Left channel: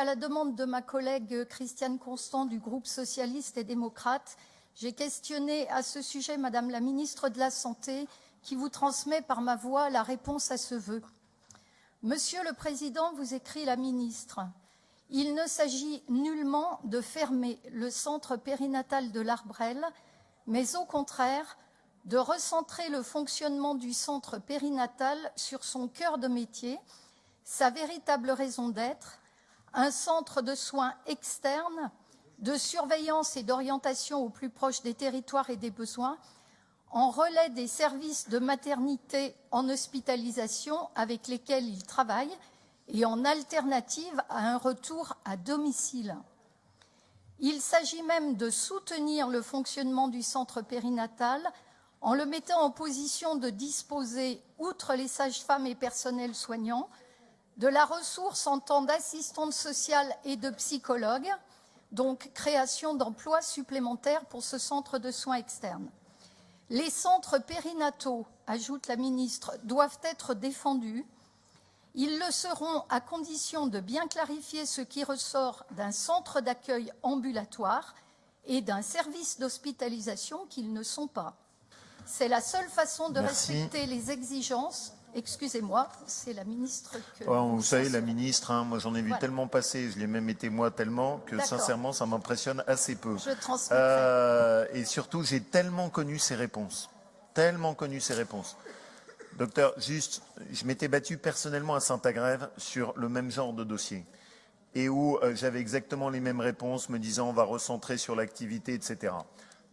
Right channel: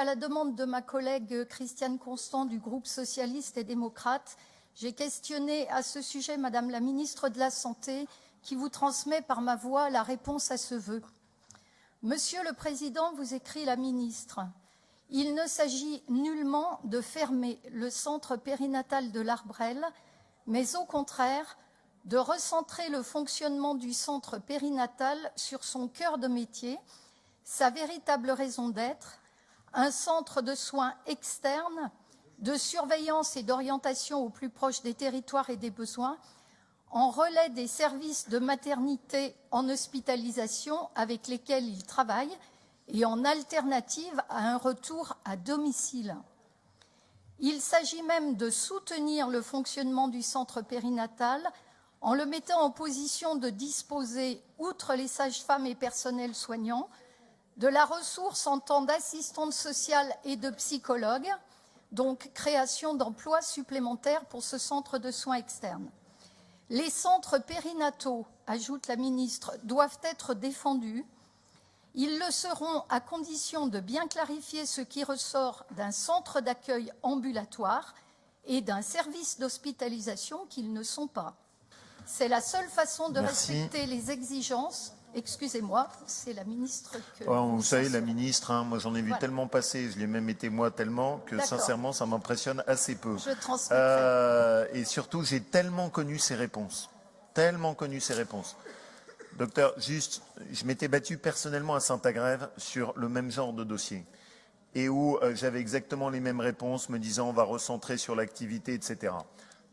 À la demande de ma collègue Christiane Constant du groupe socialiste et démocrate, j'ai questionné à ce sujet Madame la ministre de la Santé qui vous transmet par ma voix la réponse à ce vœu. Monsieur le Président, vous écrit la ministre, il ne s'agit nullement de fermer le centre périnatal de l'Arbrelle, mais au contraire de recentrer le fonctionnement du centre périnatal sur son cœur de métier, sa véritable raison d'être, un centre de soins externes, de surveillance et d'orientation au plus proche des territoires et des besoins, en relais des services de maternité en hospitalisation avec lesquels il travaille et en alternative à un retour à domicile. Il s'agit même de soutenir le fonctionnement du centre périnatal en le mettant en position de disposer, outre les sages-femmes et personnels soignants, de la ressource en temps d'assistantes sociales et de psychologues, donc création d'emplois supplémentaires pour ce centre de soins externes. Les centres périnataux, ajoute la ministre, doivent être défendus. Ils le seront à condition de bien clarifier ce qui ressort d'un centre d'accueil ambulatoire et d'un service d'hospitalisation qu'ils ne sont pas. C'est la seule façon de respecter les exigences. Excusez-moi, c'est la ministre que... Vous savez, la ministre, moi j'en ai vu tellement passer, je l'ai même été moi tellement, que sincèrement ça m'impressionne assez peu. Je transmettrai. Et surtout, j'ai tellement connu ses réponses. Tellement connu ses réponses. Docteur, juste, je m'étais battu personnellement à Saint-Agrève sur le même genre de dossier. Et où j'avais exactement les mêmes réponses, me disant on va recentrer sur l'activité, etc.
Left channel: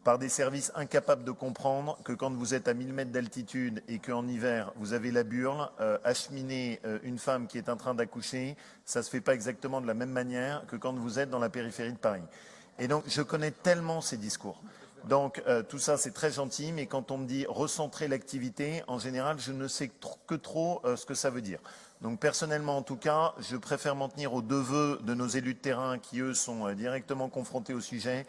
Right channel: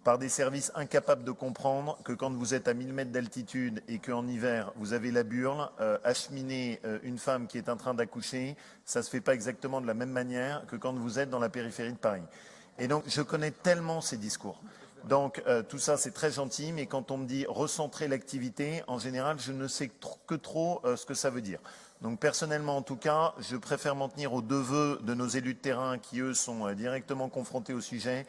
Par des services incapables de comprendre que quand vous êtes à 1000 mètres d'altitude et qu'en hiver, vous avez la burle, acheminer une femme qui est en train d'accoucher, ça ne se fait pas exactement de la même manière que quand vous êtes dans la périphérie de Paris. Et donc, je connais tellement ces discours. Donc, tout ça, c'est très gentil, mais quand on me dit recentrer l'activité, en général, je ne sais que trop ce que ça veut dire. Donc, personnellement, en tout cas, je préfère m'en tenir aux deux vœux de nos élus de terrain qui, eux, sont directement confrontés au sujet.